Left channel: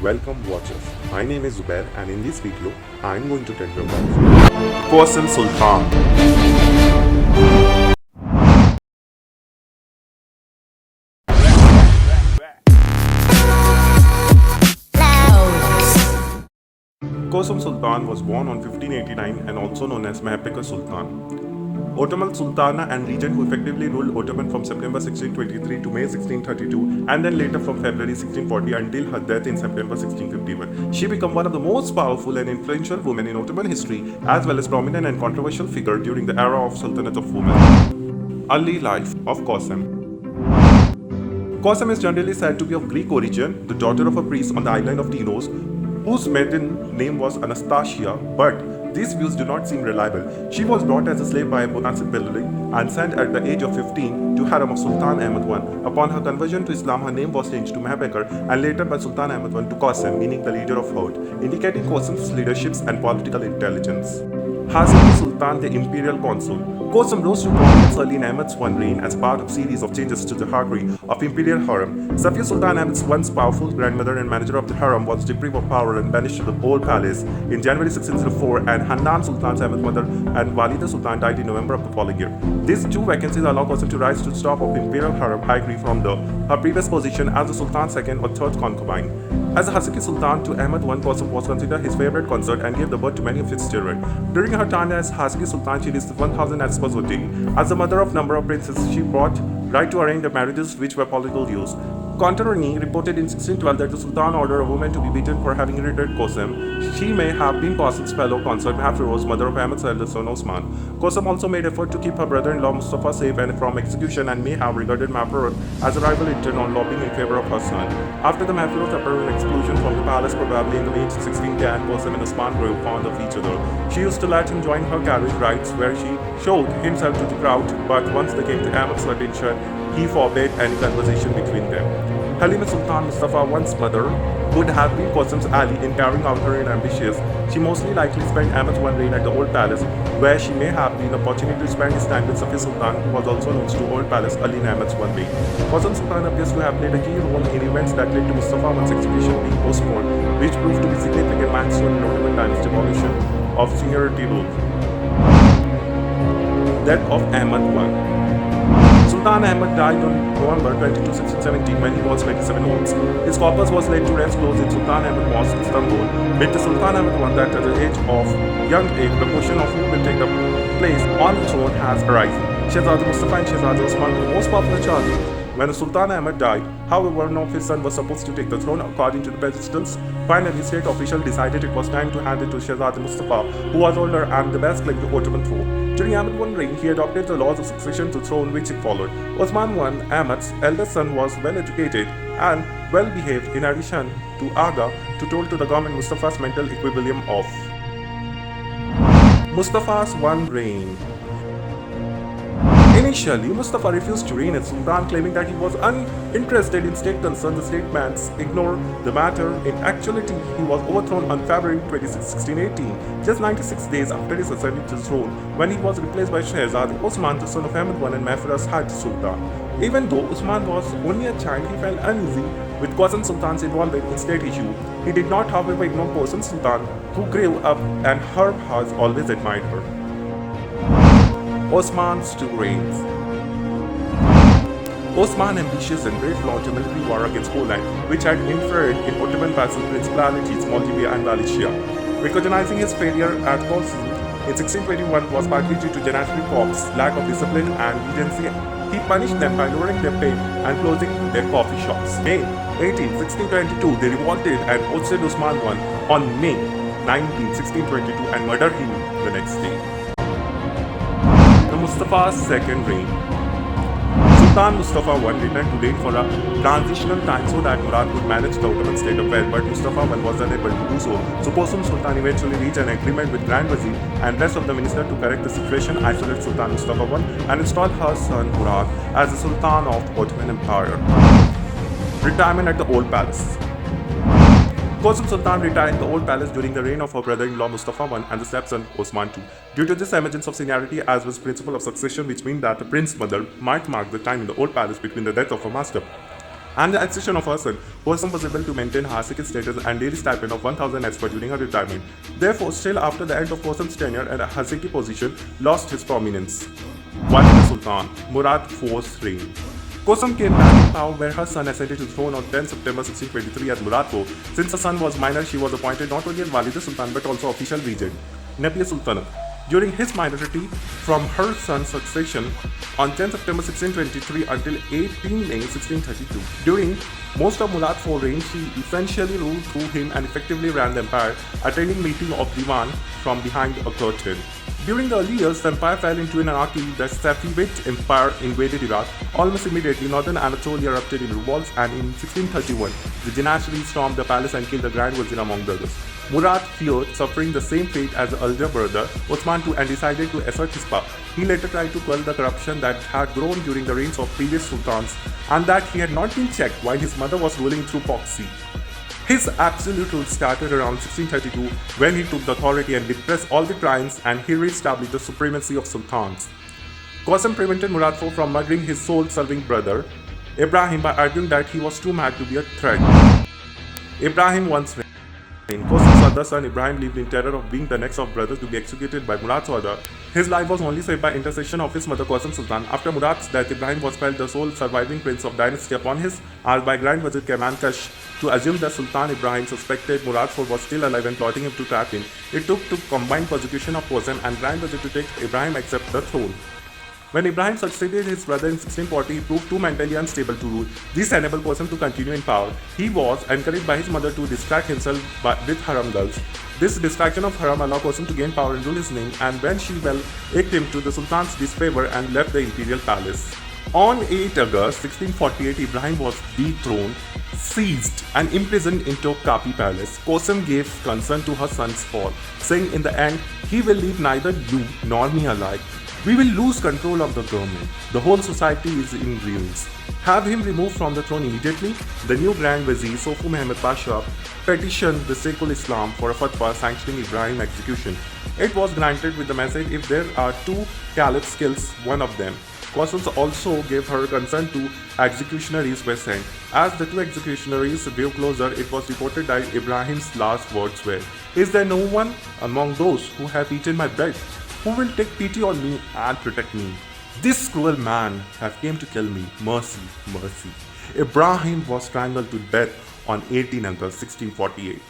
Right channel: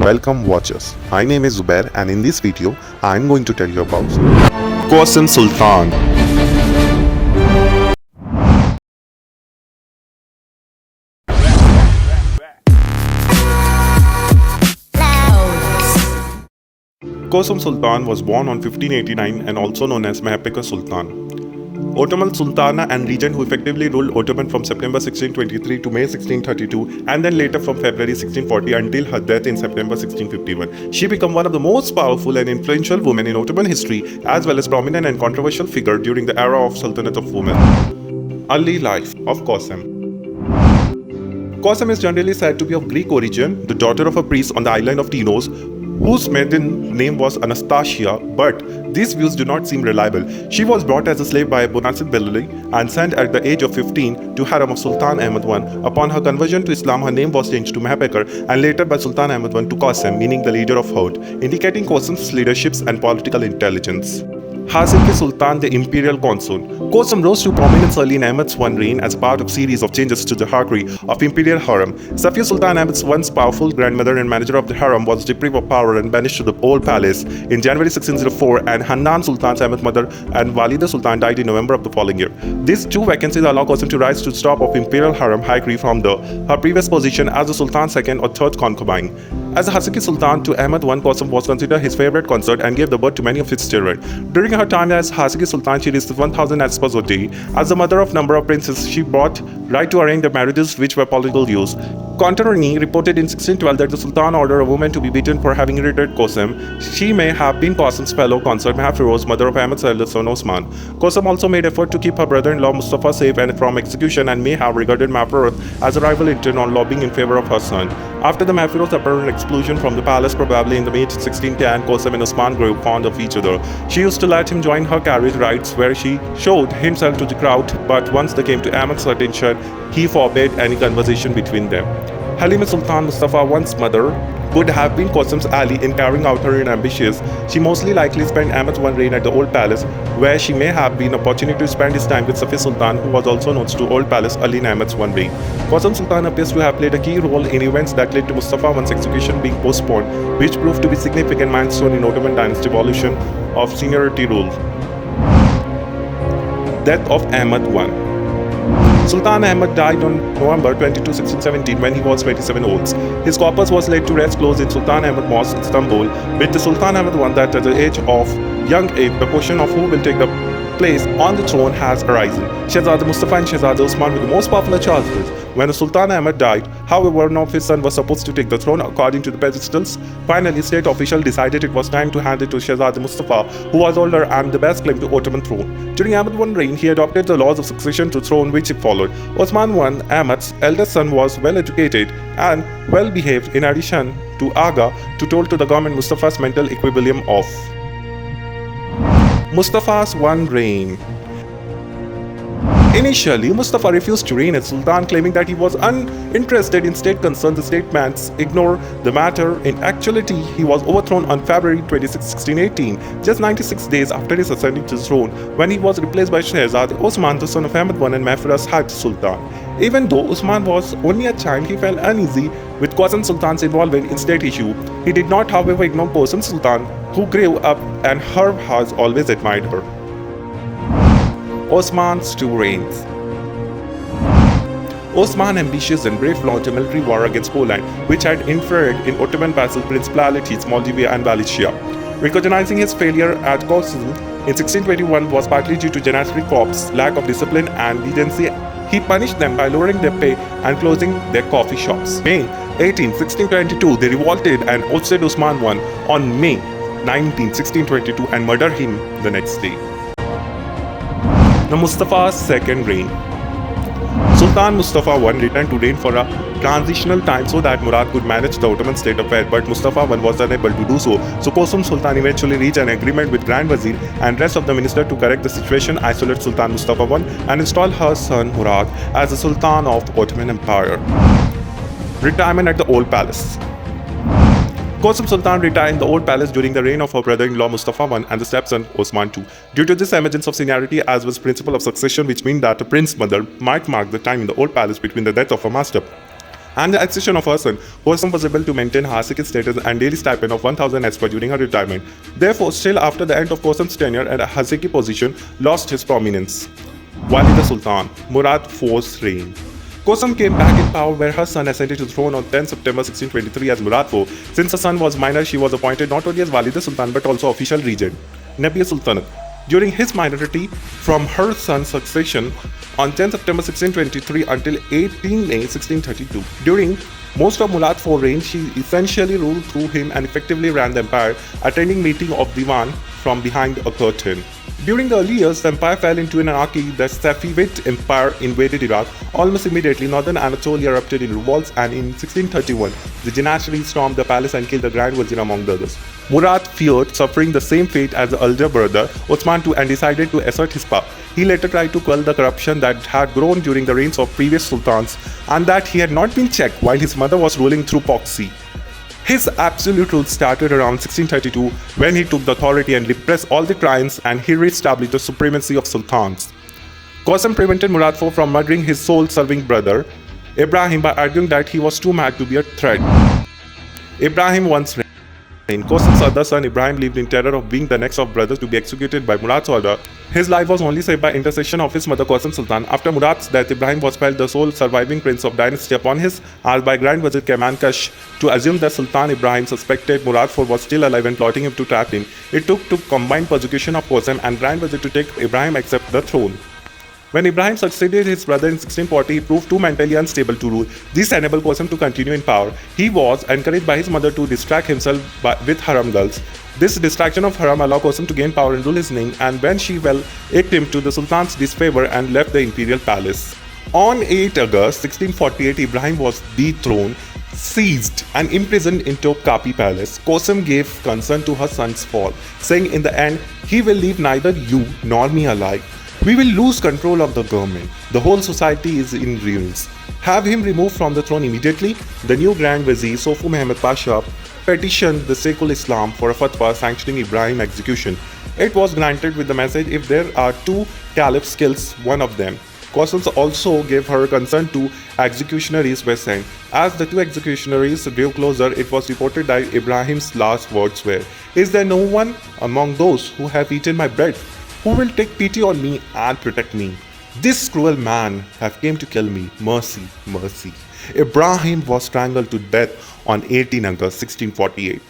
Welcome watchers. My name is Zubair and in this video I am going to tell you about Kosem Sultan. Kosem Sultan was born on 1589 and also known as Mahapeka Sultan. Ottoman Sultana and regent who effectively ruled Ottoman from September 1623 to May 1632 and then later from February 1640 until her death in September 1651. She became one of the most powerful and influential women in Ottoman history as well as prominent and controversial figure during the era of Sultanate of Women. Early life of Kosem. Kosem is generally said to be of Greek origin, the daughter of a priest on the island of Tinos, whose maiden name was Anastasia, but these views do not seem reliable. She was brought as a slave by Bonacid Belli and sent at the age of 15 to harem of Sultan Ahmed I. Upon her conversion to Islam, her name was changed to Mahapekar and later by Sultan Ahmed I to Kosem, meaning the leader of herd, indicating Kosem's leadership and political intelligence. Haseki Sultan, the imperial consul. Kosem rose to prominence early in Ahmed's I reign as part of series of changes to the hierarchy of imperial harem. Safiya Sultan, Ahmed's once powerful grandmother and manager of the harem, was deprived of power and banished to the old palace in January 1604, and Hannan Sultan's Ahmed's mother and Walida Sultan died in November of the following year. These two vacancies allow Kosem to rise to the top of imperial harem hierarchy from her previous position as the Sultan's second or third concubine. As a Haseki Sultan to Ahmed I, Kosem was considered his favorite consort and gave the birth to many of his children. During her time as Haseki Sultan, she received 1,000 espoused a day. As the mother of number of princes, she brought right to arrange their marriages, which were political use. Contaroni reported in 1612 that the Sultan ordered a woman to be beaten for having irritated Kosem. She may have been Kosem's fellow consort Mahafiruz, mother of Ahmed's eldest son Osman. Kosem also made effort to keep her brother-in-law Mustafa safe and from execution and may have regarded Mahafiruz as a rival in turn on lobbying in favor of her son. After the Mahafiruz apparent expulsion from the palace, probably in the May 1610, Kosem and Osman grew fond of each other. She used to let him join her carriage rides where she showed himself to the crowd, but once they came to Ahmed's attention, he forbade any conversation between them. Halima Sultan, Mustafa I's mother, would have been Kosem's ally in carrying out her ambitious. She mostly likely spent Ahmed's I reign at the Old Palace, where she may have been opportunity to spend his time with Safiya Sultan, who was also known to Old Palace early in Ahmed's I reign. Kosem Sultan appears to have played a key role in events that led to Mustafa I's execution being postponed, which proved to be a significant milestone in Ottoman dynasty evolution of seniority rule. Death of Ahmed I. Sultan Ahmed died on November 22, 1617 when he was 27 years old. His corpse was laid to rest close in Sultan Ahmed Mosque, Istanbul, with the Sultan Ahmed I that at the age of young age, the question of who will take the place on the throne has arisen. Shehzada Mustafa and Shehzada Osman were the most popular chances. When the Sultan Ahmed died, however, none of his son was supposed to take the throne according to the pedestals. Finally, state officials decided it was time to hand it to Shehzada Mustafa, who was older and the best claim to Ottoman throne. During Ahmed I's reign, he adopted the laws of succession to throne which he followed. Osman I, Ahmed's eldest son, was well educated and well behaved in addition to Aga, to told to the government Mustafa's mental equilibrium of Mustafa's one reign. Initially, Mustafa refused to reign as Sultan, claiming that he was uninterested in state concerns. The statesman ignored the matter. In actuality, he was overthrown on February 26, 1618, just 96 days after his ascending to the throne, when he was replaced by Shehzada Osman, the son of Ahmed I and Mahfir's Hajj Sultan. Even though Osman was only a child, he felt uneasy with Kosem Sultan's involvement in state issue. He did not, however, ignore Kosem Sultan, who grew up and her has always admired her. Osman's two reigns. Osman, ambitious and brave, launched a military war against Poland, which had interfered in Ottoman vassal principalities Moldavia and Wallachia. Recognizing his failure at Kosem in 1621 was partly due to Janissary Corps' lack of discipline and leniency. He punished them by lowering their pay and closing their coffee shops. May 18, 1622, they revolted and ousted Osman I on May 19, 1622 and murdered him the next day. The Mustafa's second reign. Sultan Mustafa I returned to reign for a transitional time so that Murad could manage the Ottoman state affair, but Mustafa I was unable to do so. So Kosem Sultan eventually reached an agreement with Grand Wazir and rest of the minister to correct the situation, isolate Sultan Mustafa I and install her son Murad as the Sultan of the Ottoman Empire. Retirement at the Old Palace. Kosem Sultan retired in the Old Palace during the reign of her brother-in-law Mustafa I and the stepson Osman II. Due to this emergence of seniority as was principle of succession, which means that a prince's mother might mark the time in the Old Palace between the death of her master. and the accession of her son, Kosem was able to maintain her second status and daily stipend of 1,000 as per during her retirement. Therefore, still after the end of Kosem's tenure and Haseki position lost his prominence. Walida Sultan, Murad IV's reign. Kosem came back in power where her son ascended to the throne on 10 September 1623 as Murad IV. Since her son was minor, she was appointed not only as Walida Sultan but also official regent, Nabiya Sultanate. During his minority, from her son's succession on 10 September 1623 until 18 May 1632. During most of Murad IV's reign, she essentially ruled through him and effectively ran the empire, attending meeting of Diwan from behind a curtain. During the early years, the empire fell into anarchy. The Safavid Empire invaded Iraq. Almost immediately, northern Anatolia erupted in revolts, and in 1631, the Janashri stormed the palace and killed the Grand Wazir among the others. Murad feared suffering the same fate as the elder brother, Osman II, and decided to assert his power. He later tried to quell the corruption that had grown during the reigns of previous sultans, and that he had not been checked while his mother was ruling through proxy. His absolute rule started around 1632 when he took the authority and repressed all the clans, and he re-established the supremacy of sultans. Kosem prevented Murad IV from murdering his soul-serving brother, Ibrahim, by arguing that he was too mad to be a threat. Ibrahim once reigned. Kosem's other son Ibrahim lived in terror of being the next of brothers to be executed by Murad's order. His life was only saved by intercession of his mother Kosem Sultan. After Murad's death, Ibrahim was felt the sole surviving prince of dynasty. Upon his asked by Grand Wazir Kemankash to assume that Sultan Ibrahim suspected Murad IV was still alive and plotting him to trap him. It took to combined persecution of Kosem and Grand Wazir to take Ibrahim accept the throne. When Ibrahim succeeded his brother in 1640, he proved too mentally unstable to rule. This enabled Kosem to continue in power. He was encouraged by his mother to distract himself with haram girls. This distraction of haram allowed Kosem to gain power and rule his name, and when she fell, acted him to the Sultan's disfavor and left the imperial palace. On 8 August 1648, Ibrahim was dethroned, seized, and imprisoned in Topkapi Palace. Kosem gave consent to her son's fall, saying in the end, "He will leave neither you nor me alive. We will lose control of the government. The whole society is in ruins. Have him removed from the throne immediately." The new Grand Vizier, Sofu Mehmed Pasha, petitioned the Sheikhul Islam for a fatwa sanctioning Ibrahim's execution. It was granted with the message, "If there are two caliphs, kills one of them." Kosem also gave her consent to executionaries were sent. As the two executionaries drew closer, it was reported that Ibrahim's last words were, "Is there no one among those who have eaten my bread who will take pity on me and protect me? This cruel man have came to kill me. Mercy, mercy." Ibrahim was strangled to death on 18 August 1648.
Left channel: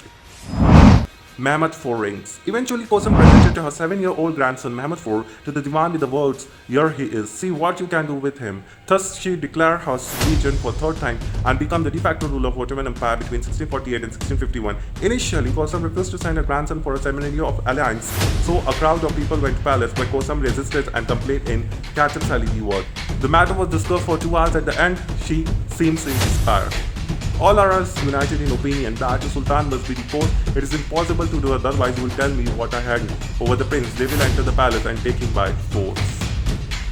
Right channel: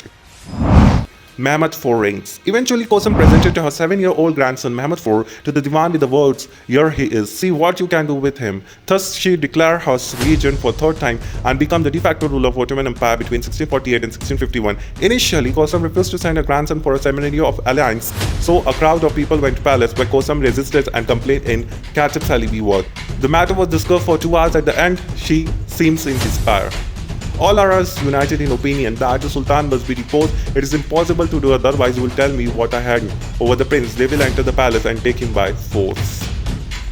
Mehmed IV reigns. Eventually, Kosem presented her 7-year-old grandson Mehmed IV to the Diwan with the words, "Here he is, see what you can do with him." Thus, she declared her regent for third time and became the de facto ruler of Ottoman Empire between 1648 and 1651. Initially, Kosem refused to send her grandson for a ceremony of alliance, so a crowd of people went to palace, but Kosem resisted and complained in Katib Salibi word. The matter was discussed for 2 hours. At the end, she seems in despair. All are united in opinion that the Sultan must be deposed. It is impossible to do otherwise. You will tell me what I had over the prince. They will enter the palace and take him by force.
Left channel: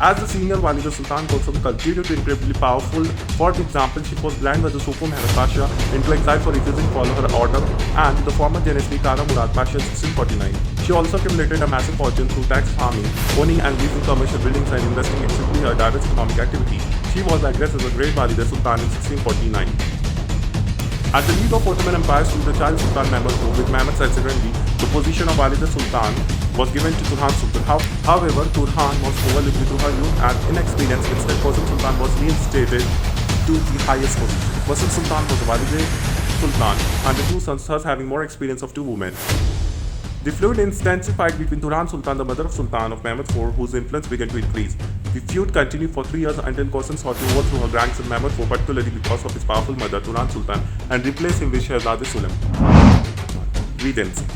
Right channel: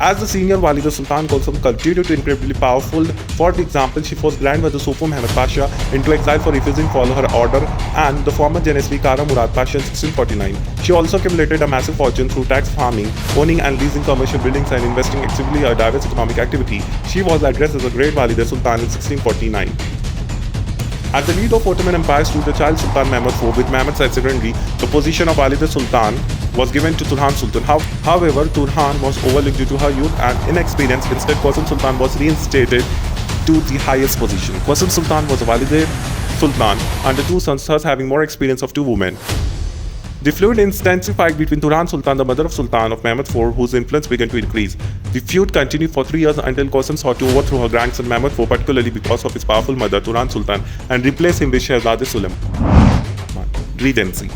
As the senior Walida Sultan, Kosem continued to be incredibly powerful. For example, she forced Grand Wazir Sofu Mehmed Pasha into exile for refusing to follow her order, and the former Janashri Kara Murad Pasha in 1649. She also accumulated a massive fortune through tax farming, owning and leasing commercial buildings, and investing actively in a diverse economic activity. She was addressed as a great Walida Sultan in 1649. As the leader of Ottoman Empire stood the child Sultan Mehmed IV, with Mehmed subsequently, the position of Walida Sultan was given to Turhan Sultan. However, Turhan was overlooked due to her youth and inexperience. Instead, Kosem Sultan was reinstated to the highest position. Kosem Sultan was a Walida Sultan, and the two sons thus having more experience of two women. The feud intensified between Turhan Sultan, the mother of Sultan of Mehmed IV, whose influence began to increase. The feud continued for 3 years until Kosem sought to overthrow her grandson Mehmed IV, particularly because of his powerful mother Turhan Sultan, and replace him with Shehzade Sulam. Regency.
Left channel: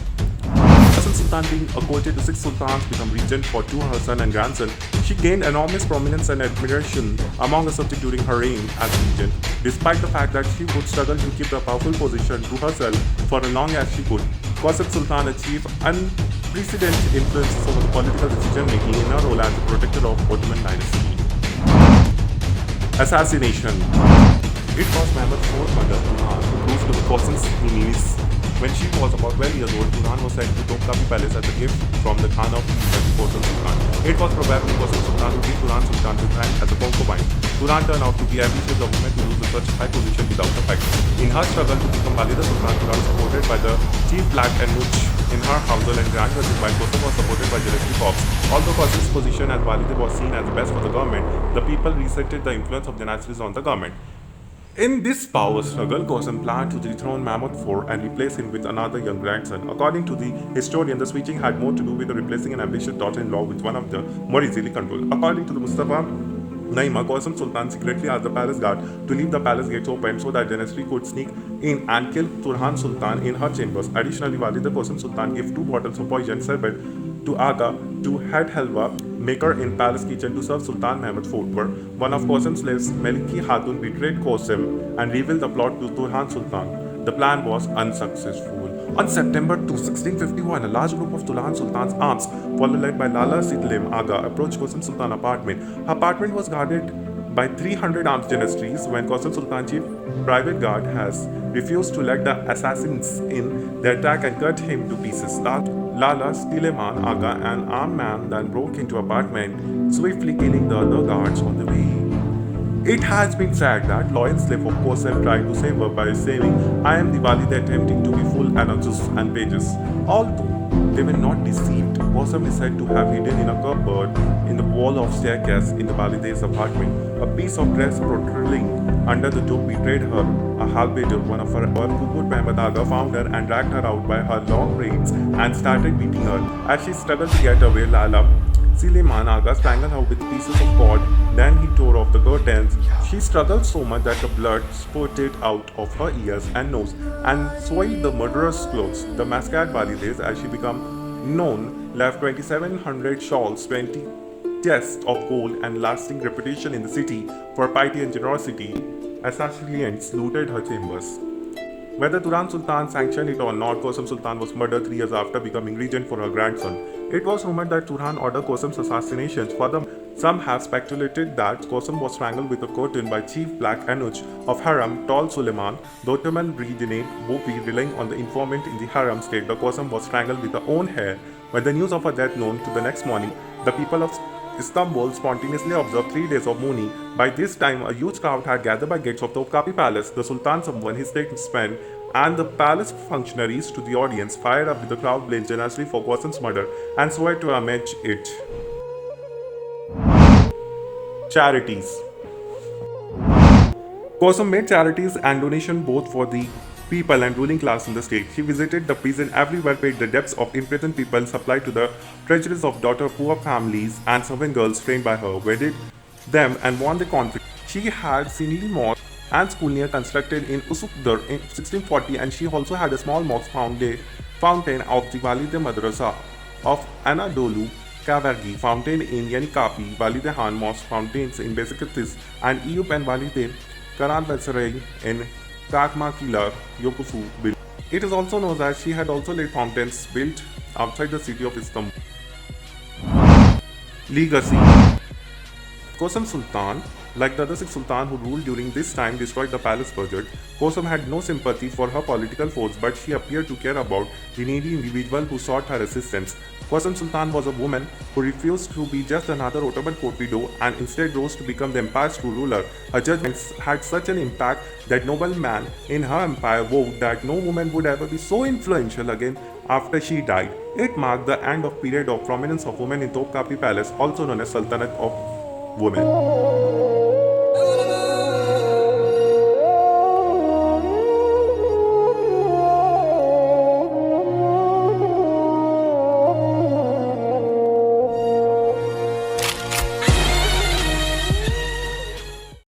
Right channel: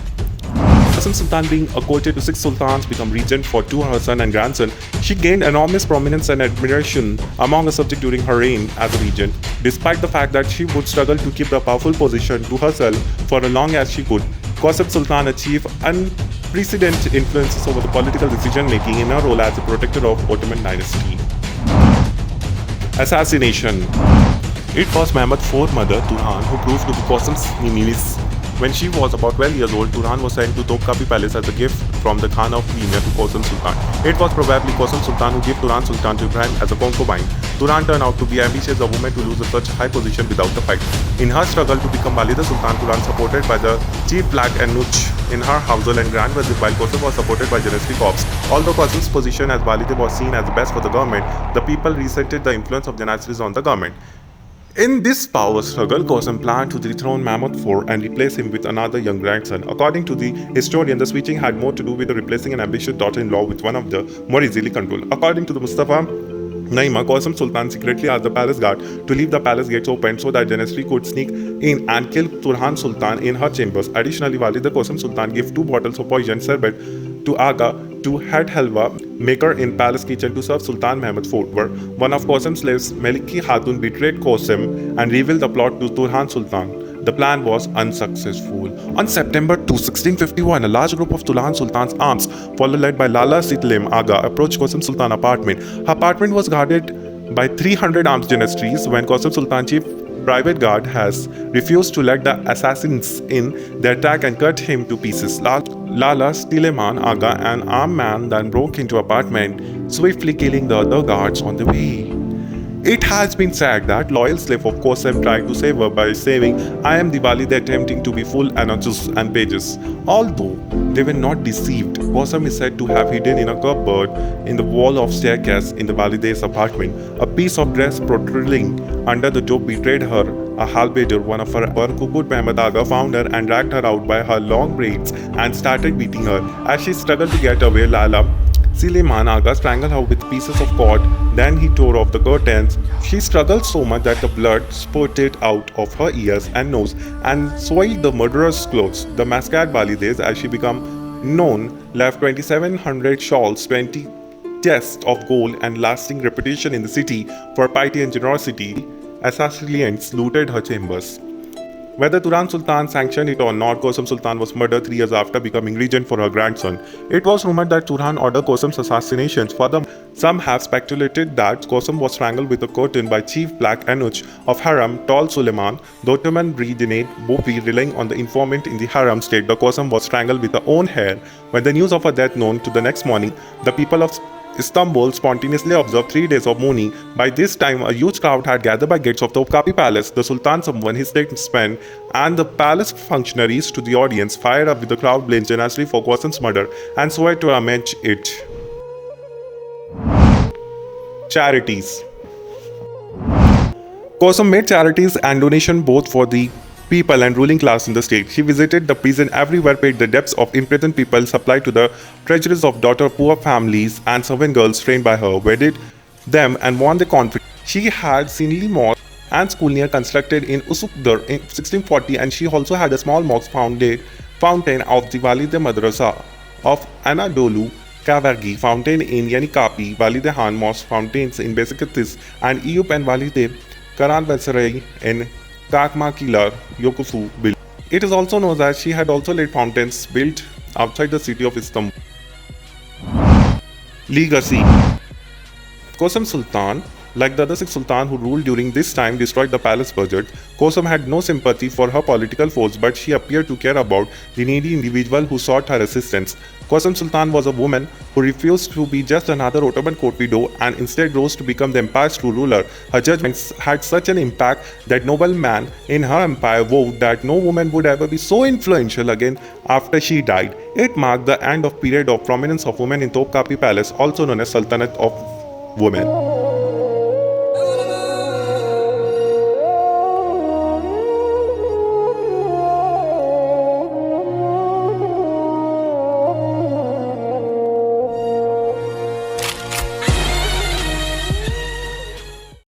Kosem Sultan, being courted to 6 sultans, became regent for 2 her son and grandson. She gained enormous prominence and admiration among her subjects during her reign as regent, despite the fact that she would struggle to keep the powerful position to herself for as long as she could. Kosem Sultan achieved unprecedented influences over the political decision-making in her role as the protector of Ottoman dynasty. Assassination. It was Mehmed IV's mother, Turhan, who proved to be Kosem's niece, When she was about 12 years old, Turan was sent to Topkapi Palace as a gift from the Khan of Emir to Kosem Sultan. It was probably Kosem Sultan who gave Turan Sultan to Ibrahim as a concubine. Turan turned out to be ambitious, a woman to lose such high position without a fight. In her struggle to become Walida Sultan, Turan supported by the chief black and Nuch in her household and Grand Wazir, while Kosem was supported by Janistry Corps. Although Kosem's position as Walida was seen as the best for the government, the people resented the influence of Janistries on the government. In this power struggle, Kosem planned to dethrone Mahmud IV and replace him with another young grandson. According to the historian, the switching had more to do with replacing an ambitious daughter-in-law with one of the more easily controlled. According to the Mustafa Naima, Kosem Sultan secretly asked the palace guard to leave the palace gates open so that Janistry could sneak in and kill Turhan Sultan in her chambers. Additionally, Walida Kosem Sultan gave 2 bottles of poison sherbet to Aga, to head halwa maker in palace kitchen to serve Sultan Mehmed IV. One of Kosem's slaves, Meliki Hatun, betrayed Kosem and revealed the plot to Turhan Sultan. The plan was unsuccessful. On September 2, 1651, a large group of Turhan Sultan's arms, led by Lala Sitlim Aga, approached Kosem Sultan's apartment. Her apartment was guarded by 300 armed Janistries. When Kosem Sultan's chief private guard has refused to let the assassins in, they attacked and cut him to pieces. Lala Stileman Aga, an armed man, then broke into apartment, swiftly killing the other guards on the way. It has been said that loyal slave of Kosem tried to save her by saying, "I am the Walida attempting to be full anarchists and pages." Although they were not deceived, Kosem is said to have hidden in a cupboard in the wall of staircase in the Walida's apartment. A piece of dress protruding under the door betrayed her. A halbeider, one of her Kuput Mehmed Aga, found her and dragged her out by her long braids and started beating her. As she struggled to get away, Lala Suleiman Aga strangled her with pieces of cord. Then he tore off the curtains. She struggled so much that the blood spurted out of her ears and nose and soiled the murderer's clothes. The Mascad Walides, as she became known, left 2,700 shawls, 20 chests of gold, and lasting reputation in the city for piety and generosity. Assassins looted her chambers. Whether Turan Sultan sanctioned it or not, Kosem Sultan was murdered 3 years after becoming regent for her grandson. It was rumored that Turan ordered Kosem's assassinations. Further, some have speculated that Kosem was strangled with a curtain by Chief Black Anuch of Haram, Tall Suleiman. The Ottoman Brigade Bofi, relying on the informant in the Haram state, the Kosem was strangled with her own hair. When the news of her death known to the next morning, the people of Istanbul spontaneously observed 3 days of mourning. By this time, a huge crowd had gathered by gates of Topkapi Palace. The Sultan summoned his statesmen and the palace functionaries to the audience. Fired up with the crowd blamed Janistry for Kosem's murder and swore to avenge it. Charities. Kosem made charities and donations both for the people and ruling class in the state. She visited the prison everywhere, paid the debts of imprisoned people, supplied to the treasuries of daughter poor families and servant girls trained by her, wedded them and won the conflict. She had Sinli Mosque and school near constructed in Usukdar in 1640, and she also had a small mosque fountain of the Walide Madrasa of Anadolu, Kavargi, fountain in Yanikapi, Walide Han Mosque fountains in Besiktas, and Eyüp and Walide Karanbasaray in Kakmakilar, Yokufu built. It is also known that she had also laid fountains built outside the city of Istanbul. Legacy. Kosem Sultan, like the other 6 sultans who ruled during this time, destroyed the palace budget. Kosem had no sympathy for her political foes, but she appeared to care about the needy individual who sought her assistance. Kosem Sultan was a woman who refused to be just another Ottoman court widow and instead rose to become the empire's true ruler. Her judgments had such an impact that noblemen in her empire vowed that no woman would ever be so influential again after she died. It marked the end of period of prominence of women in Topkapi Palace, also known as Sultanate of Women.